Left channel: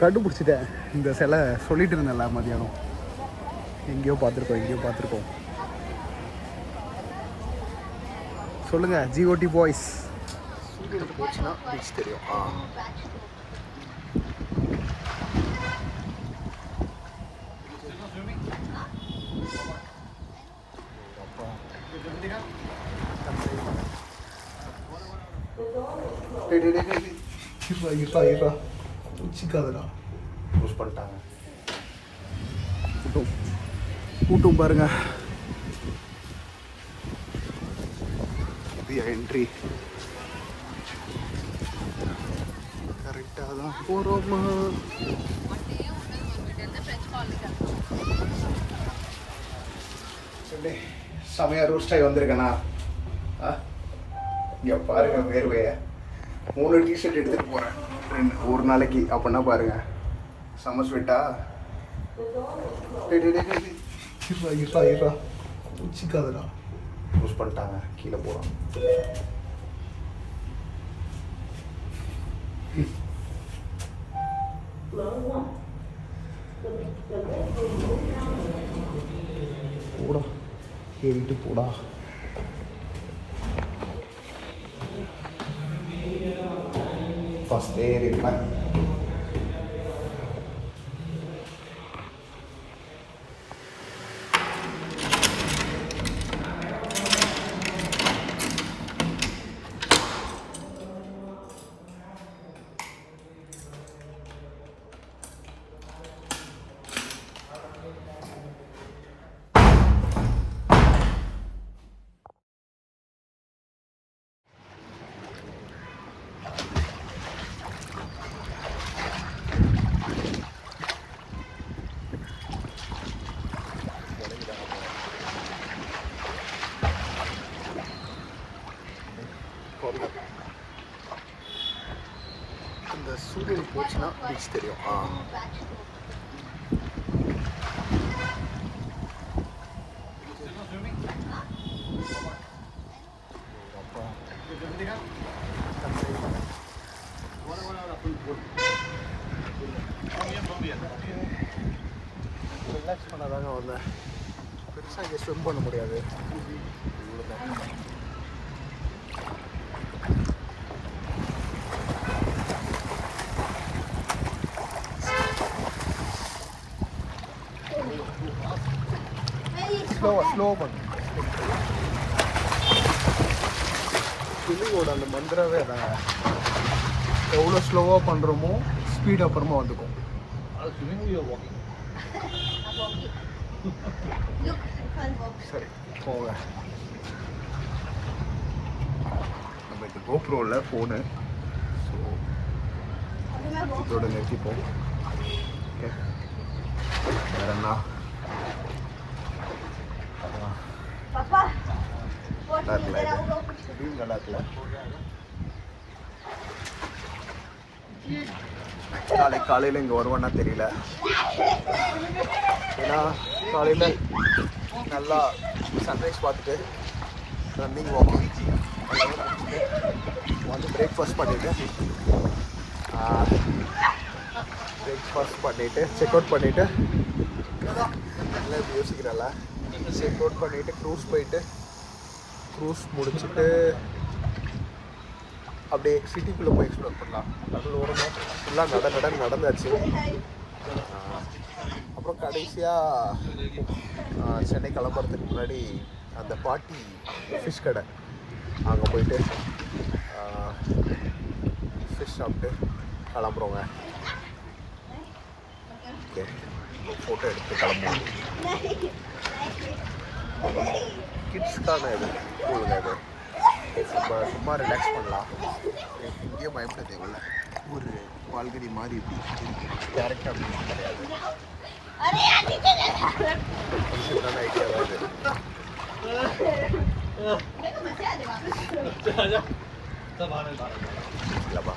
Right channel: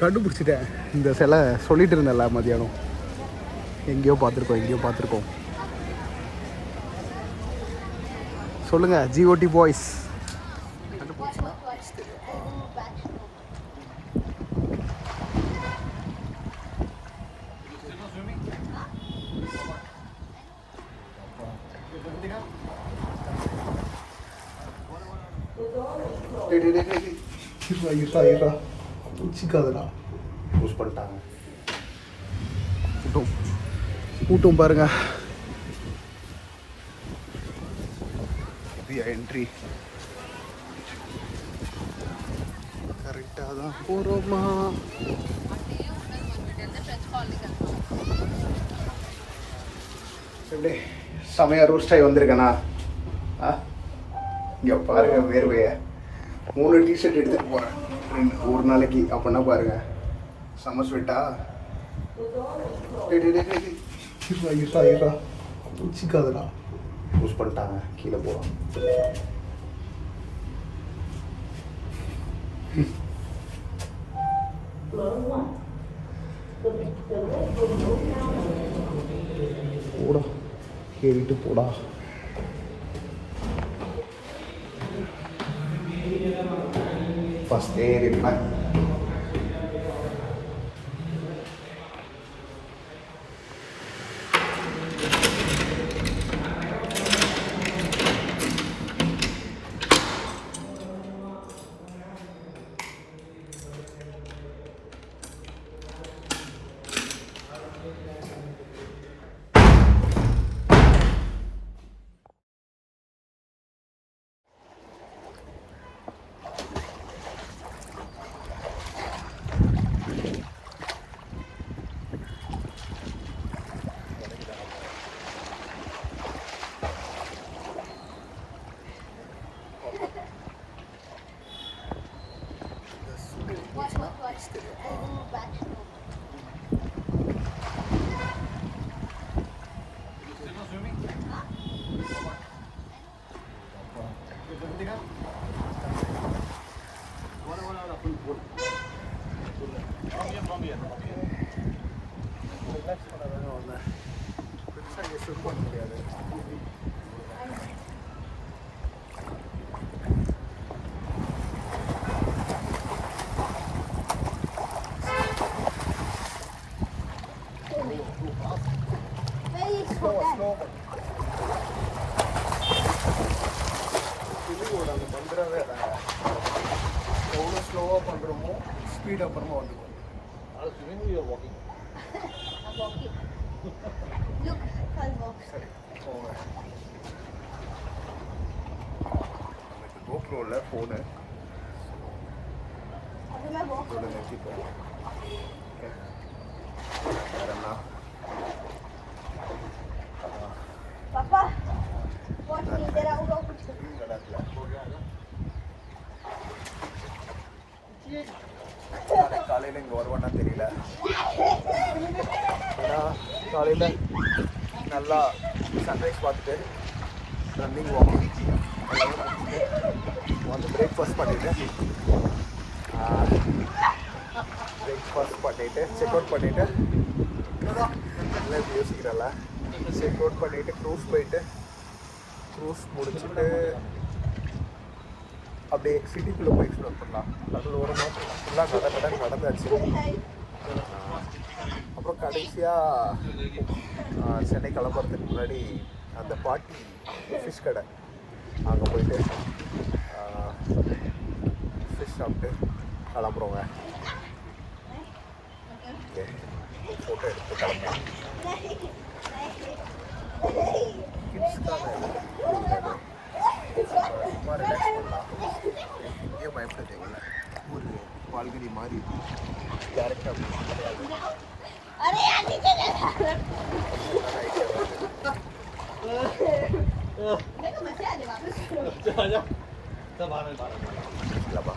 கண்டுபிடிச்சிட்டேன் இந்த சிலை சொல்லிட்டு இருந்தேன்ல மதியானம் எங்கேயோ பார்த்துருக்கோம் எங்கேயோ பார்த்துருக்கோம் சொல்லுங்க ஜிஓடி பாய்ஸ் போச்சுன்னா பீச் தெரியும் இருடா இருடா வச்சுக்காதடா யூஸ் பண்ணிட்டாங்க. கூட்டம். கூட்டம் பாருங்க. என்ட்ரி கரெக்டாக தான் போகிறோமா எப்படி செமையா ரூஸ்ட் ஆகி வந்திருக்கேனா? ஆ? இங்கே பாருங்க வேர்வையை. மூணு டிஷர்ட் எடுத்துட்டு போகிறேன் ஒரு நாளைக்கு அப்படின்னா பாருங்க. செம்ம ஸ்வெட்டா இருடா இருடா இருடா யூஸ் பண்ணிட்டாங்க. கீழே போகிறோம் போடா. ஏறிட்டு போடா. ഫസ്റ്റ് എയ്ഡ് ഇടണം போச்சுன்னா பீச் தெரியும் ஆ ரிலாக்ஸ் ஸ்லோ பண்ணு ஸ்விம்மிங்கோட அந்த மந்திரவே அதாங்க எவ்வளோ ஸ்லோவாக பண்ணுறோமோ ஸ்பீட் அப்புறமா வந்துக்கும் சரி போங்க. நம்ம இது கோப்ரோவில் ஃபோனு ஸோ இதோட நிறுத்திப்போம். ஓகே வேற என்ன? நல்லா இருக்குல்ல இது View நல்லா இருக்குல்ல நாளைக்கு காலையில் இங்கே வருவான்னா தெரியல. ஏன்னா காலையில் நல்லா சன்ரைஸ் பார்த்துட்டு ரன்னிங் வாக்கிங் வந்து பிரேக்ஃபாஸ்ட் பண்ணிவிட்டு பிரேக்ஃபாஸ்ட் பண்ணிவிட்டு செக் அவுட் பண்ணிவிட்டு எல்லாம் இப்படி யோசிக்கிறல்ல செக் அவுட் பண்ணிவிட்டு க்ரூஸ் போயிட்டு க்ரூஸ் முடிச்சுட்டு அப்படியே சிட்டிக்குள்ளே போய் எக்ஸ்ப்ளோர் பண்ணலாம். நடுவில் ஓரமாக ஃபுல்லாக நட நட நடந்தாச்சு. அப்புறம் கடைசியாக சென்னை கிளம்புறதுக்கு முன்னாடி அந்த பாட்டி ஃபிஷ் கடை. அங்கே போயிட்டு ஃபிஷ் சாப்பிட்டு கிளம்புறோங்க. ஓகே ஃபோட்டோ எடுத்து கிளம்புறோம். கிட்ஸ்க்கான இது அவ்வளவுதான் இது. சும்மா சும்மா ரிலாக்ஸ் பண்ணலாம் எங்கேயும் பயப்பட தேவையில்ல ஒரு பால்கனி மாதிரி டேரெக்டாக ஐடியா தான் இது இல்லைப்பா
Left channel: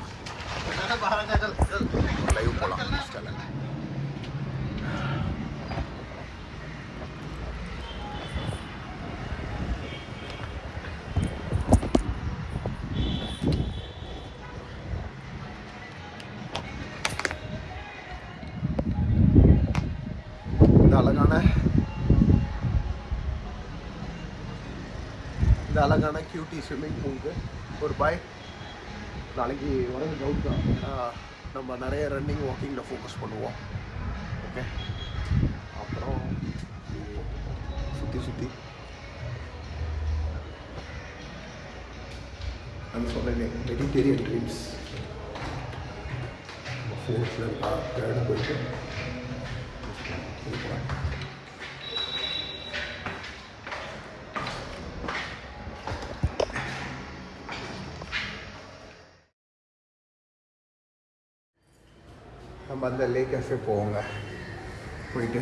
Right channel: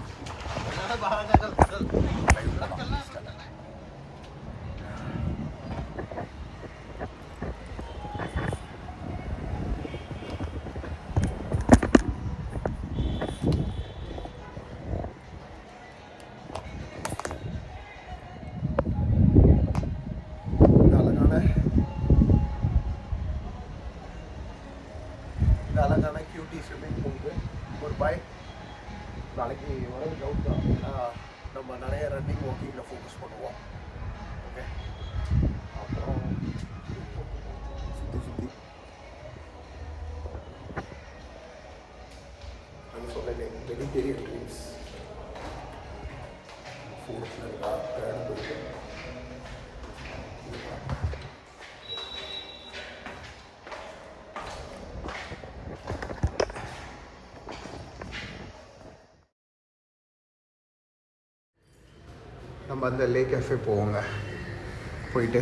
இந்த அழகான கியூட்டி ஸ்விம்மிங் பூலுக்கு ஒரு பாய் நாளைக்கு வரது டவுட் தான் ஏன்னா நம்ம நிறைய ரன்னிங் வாக்கிங்கில் ஃபோக்கஸ் பண்ணுவோம். ஓகே அப்புறம் சுற்றி சுற்றி நான் சொல்கிறேன் மெடிடேரியன் ட்ரீம்ஸ் ஃபோர்த்தில் இருக்கா தேர்டு போயிட்டு நம்ம அந்த லே கேஃபே போவோங்க போயிட்டு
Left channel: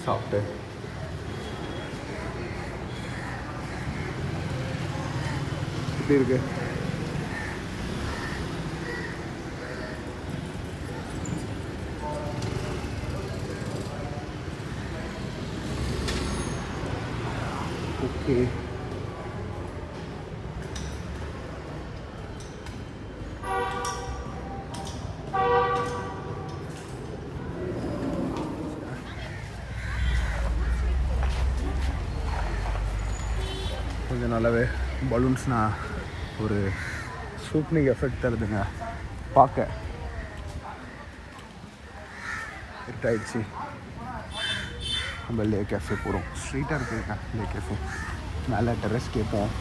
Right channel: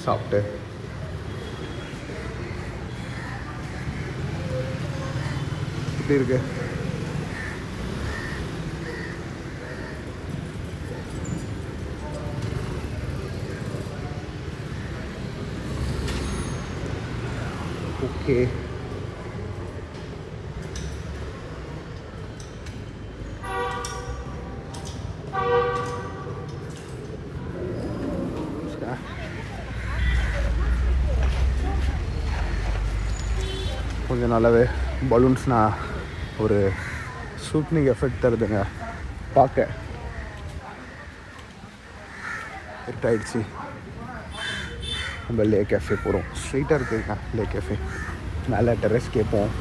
சாப்பிட்டு எப்படி இருக்கு ஓகே பலூன்ஸ்னால் ஒரு சூப்னிங் எஃபெக்ட் தருதுங்க. பார்க்க. ஹிட் ஆயிடுச்சு நம்ம லே கேஃபே போகிறோம் ஸ்ட்ரைட்டாக இருக்குங்க லே கேஃபே மேலே டெரஸ் கேட்போம்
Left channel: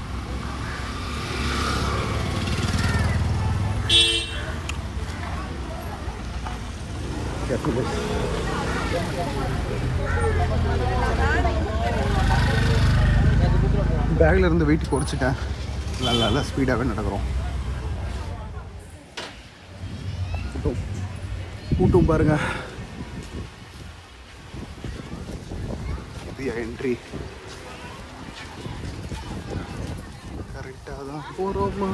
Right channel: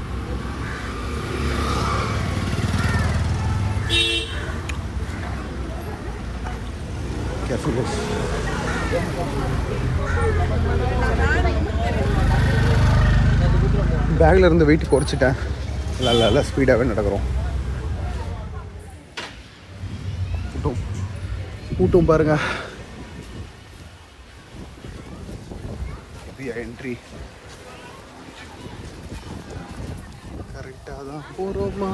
பேக்கில் இருந்து வெயிட் குறைச்சிட்டேன். நல்லா நல்லா ஸ்பீடாகவே நடக்கிறோம். கூட்டம். கூட்டம் பாருங்க. என்ட்ரி கரெக்டாக தான் போகிறோமா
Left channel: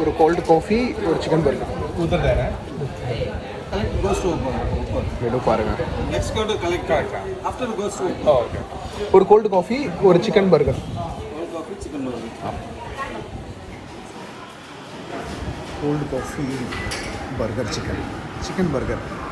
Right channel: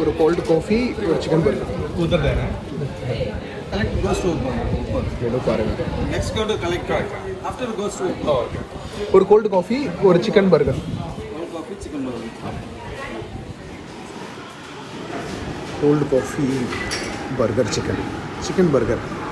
और कोल्ड कॉफ़ी और चिकन बर्गर उधर जाना है। कलेक्ट गो स्टोव ये लोग पारेगा next cold collect after go stove और कोल्ड कॉफ़ी और chicken burger cold coffee chicken burger cold coffee burger chicken chicken burger.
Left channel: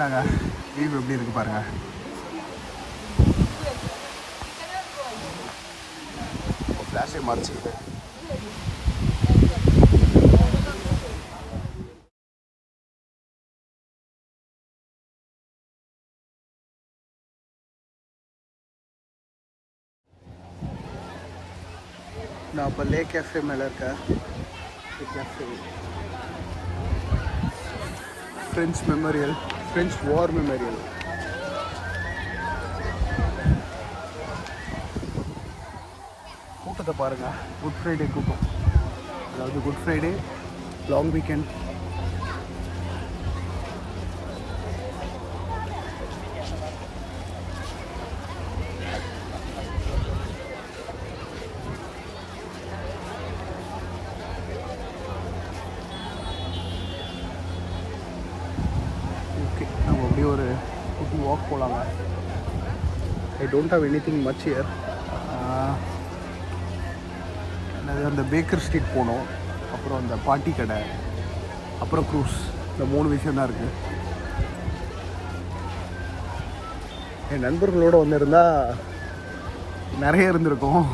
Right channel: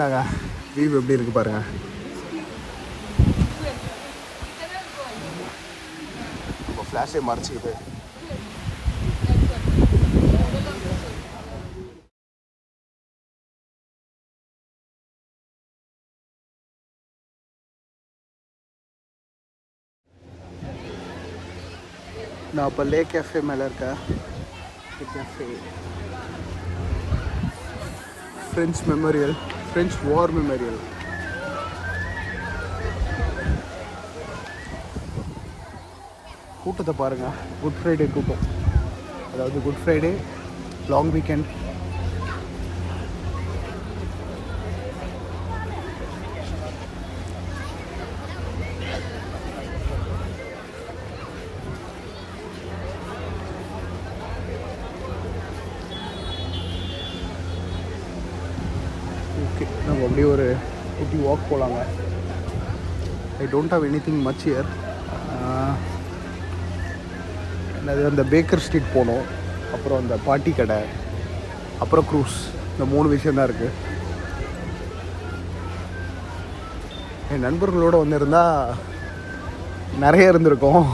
Burger என்னங்க வியூ எப்படி இருக்கு பாருங்க. ஃப்ளாஷே மறைச்சிக்குது நான் இப்போ லே கேஃபே மேலே இருக்கேன். Cafe French memorial French war memorial கூட்டத்தை பாருங்கள் குட் ஃப்ரைடே கூட்டம். அதாவது good Friday long weekend okay நம்ம அப்படியே ஒரு குட்டி வாக் போகலாங்க I don't have anything much here என்னது அந்த பேக்கர் ஸ்ட்ரீட் போனோம். அப்புறம் அந்த பாட்டி கடை. அப்புறம் க்ரூஸ் இந்த மூணு விஷயம் தான் இருக்குது என் நண்பர்களோடு வந்து இருந்தால் நிறைய இருந்திருக்கோம்.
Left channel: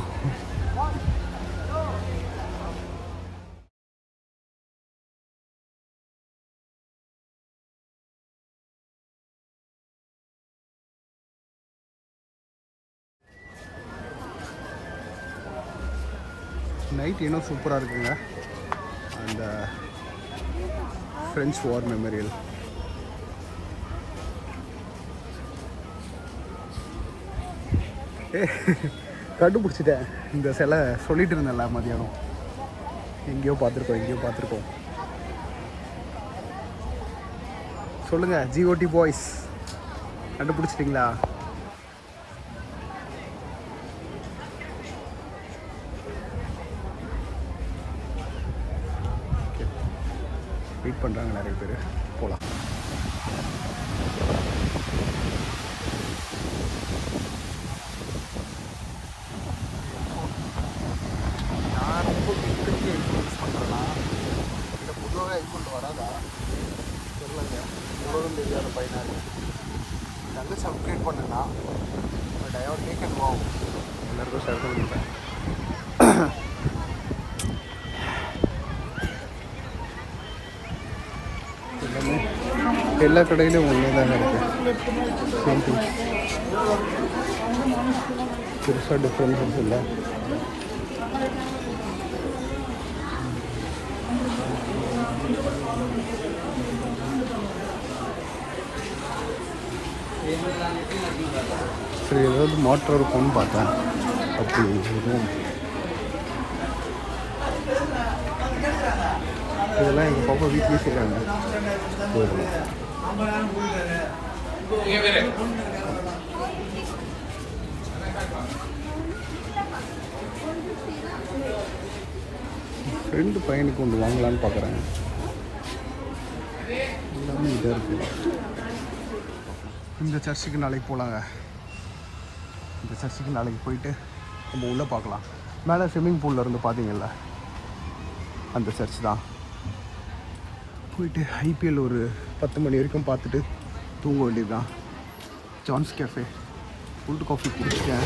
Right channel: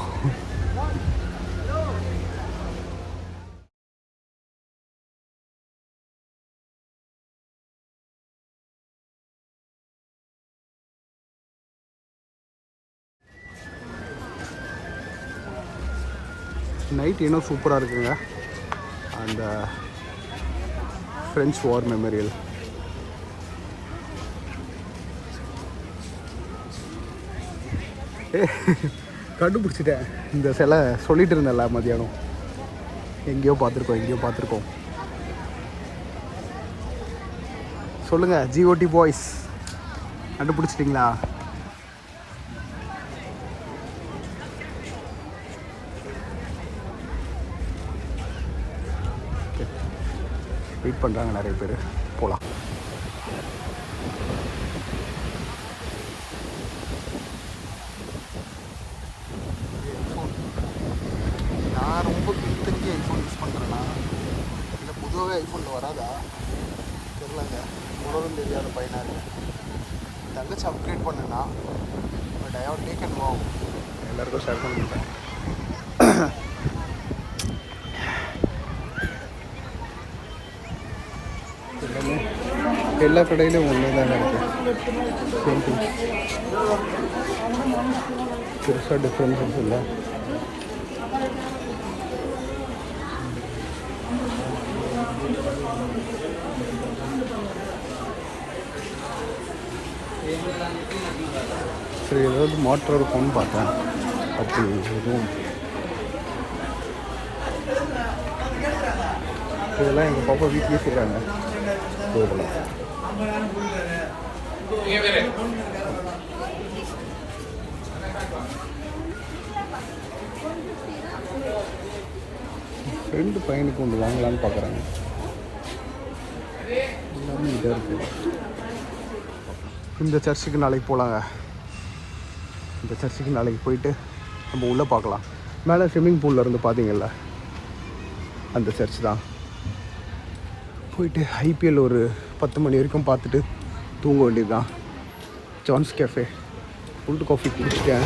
நைட் இன்னும் சூப்பராக இருக்குங்க. அந்த ஃப்ரெஞ்ச் வார் மெமரியல் ஏ கண்டுபிடிச்சிட்டேன். இந்த சிலை சொல்லிட்டு இருந்தேன்ல மதியானம். எங்கேயோ பார்த்துருக்கோம் எங்கேயோ பார்த்துருக்கோம் சொல்லுங்கள் ஜிஓடி பாய்ஸ் கண்டுபிடிச்சிட்டிங்களா? வெயிட் பண்ணுறாங்க நிறைய பேர். போகலாம் எல்லா கடையிலும் ஒன்றே தான் இருக்குது சேம் பெருசாக டிஃப்ரென்சஸ் இல்லை. சரி ஏதாவது மோட்டர் இருக்கும்னு பார்த்தேன் அப்படி இதெல்லாம் எங்கள் பாப்பா வீட்லேயே செய்கிறாங்க இதெல்லாம் ரெண்டு பையனுக்கு ஒன்று வாங்கலான்னு பார்க்குறாங்க எல்லாமே இதாக இருக்கு. இந்த சர்ச்சுக்கு நாளைக்கு போகலாங்க இந்த சர்ச்சுக்கு நாளைக்கு போயிட்டு நம்ம உள்ளே பார்க்கலாம். மேலே ஸ்விம்மிங் பூலில் இருந்து பார்த்தீங்கல்ல? அந்த சர்ச் தான். போயிட்டு ஐபிஎல் ஒரு பத்து மணி வரைக்கும் பார்த்துட்டு தூங்க வேண்டியது தான் ஜான்ஸ் கேஃபே ஃபுல்டு காஃபி குடிச்சிட்டேன்.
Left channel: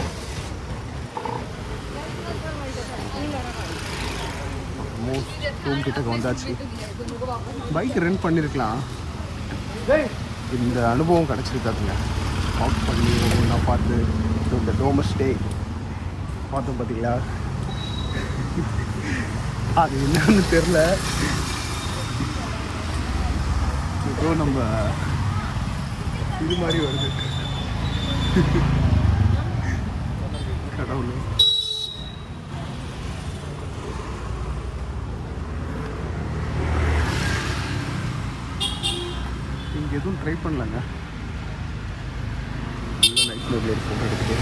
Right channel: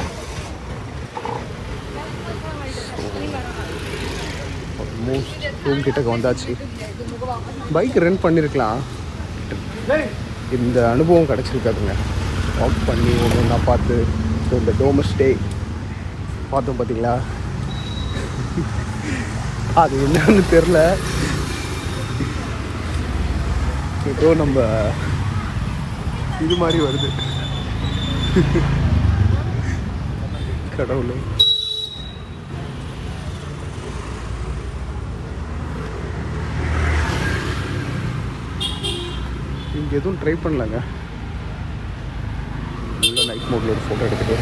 ஆல்மோஸ்ட் ரூம் கிட்டக்கு வந்தாச்சு. பைக் ரெண்ட் பண்ணியிருக்கலாம் இந்த அனுபவம் கிடச்சிருக்காதுங்க. வாக் பண்ணி ஒன்றா பார்த்து இந்த டோமஸ்டே பார்த்தோம் பார்த்தீங்களா அது என்னன்னு தெரில ஏதோ நம்ம இது மாதிரி வருது. கடவுளே. இங்கே எதுவும் ட்ரை பண்ணலங்க. நல்ல நைட் மோடில் ஒரு ஃபோட்டோ எடுத்துட்டு.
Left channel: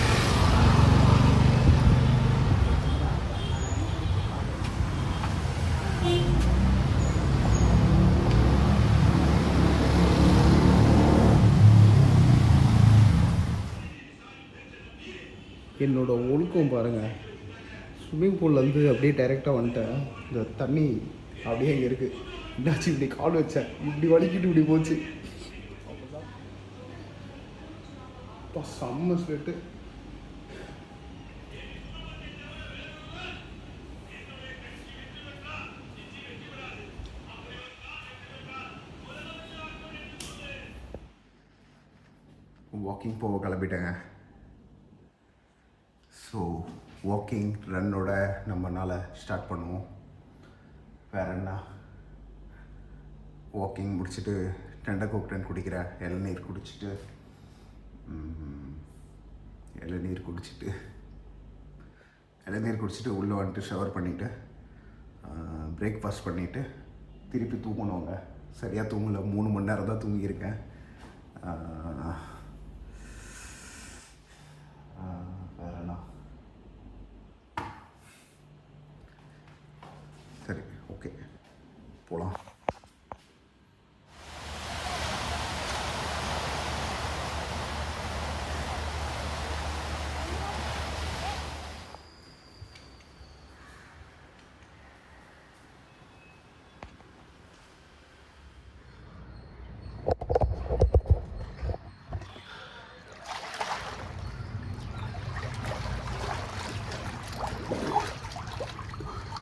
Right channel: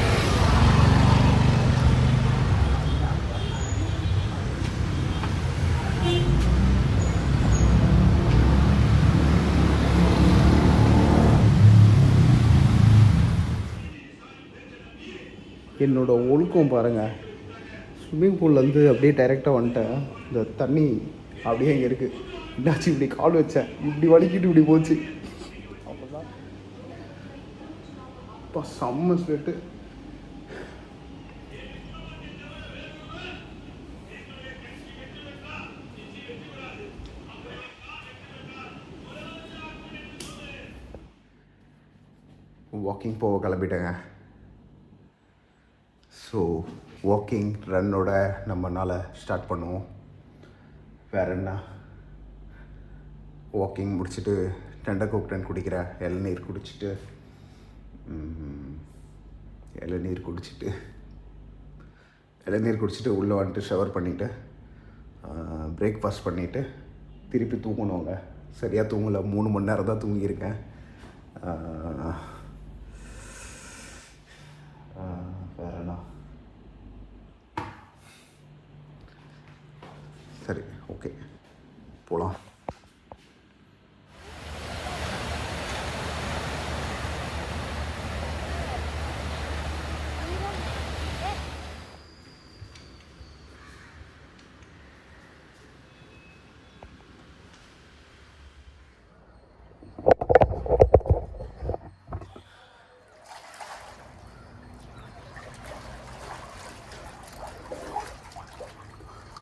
என்னோட ஒழுக்கம் பாருங்கள் ஸ்விம்மிங் பூல்லேருந்து அப்படியே டைரெக்டாக வந்துட்டேன். இந்த தண்ணி அப்படியே இங்கே இருக்குது என்னாச்சு இப்படி கால் வச்சேன் இப்படி வலிக்கிட்டு இப்படி போச்சு. அவ்வளோதான் இப்போ செம்ம ஸ்வெட்டு வாக்கிங் போக கிளம்பிட்டேங்க. ஸோ வாக்கிங் ரன்னோட நாளை ஸ்டார்ட் பண்ணுவோம். வேற என்ன? வாக்கிங் முடிச்சுட்டு டெண்டை கோக்டன் குடிக்கிறேன் இளநீர் குடிச்சிட்டு இளநீர் குடிச்சிட்டு இளநீர் குடிச்சிட்டு உள்ளே வந்துட்டு ஷவர் பண்ணிவிட்டு பிரேக்ஃபாஸ்ட் பண்ணிவிட்டு திருப்பி தூங்கணுங்க. சரியாக தூங்கலை. மூணு மணி நேரம் தான் தூங்கியிருக்கேன் ஆ, ஆ, வேற என்ன சரி ஓகே போகலாம்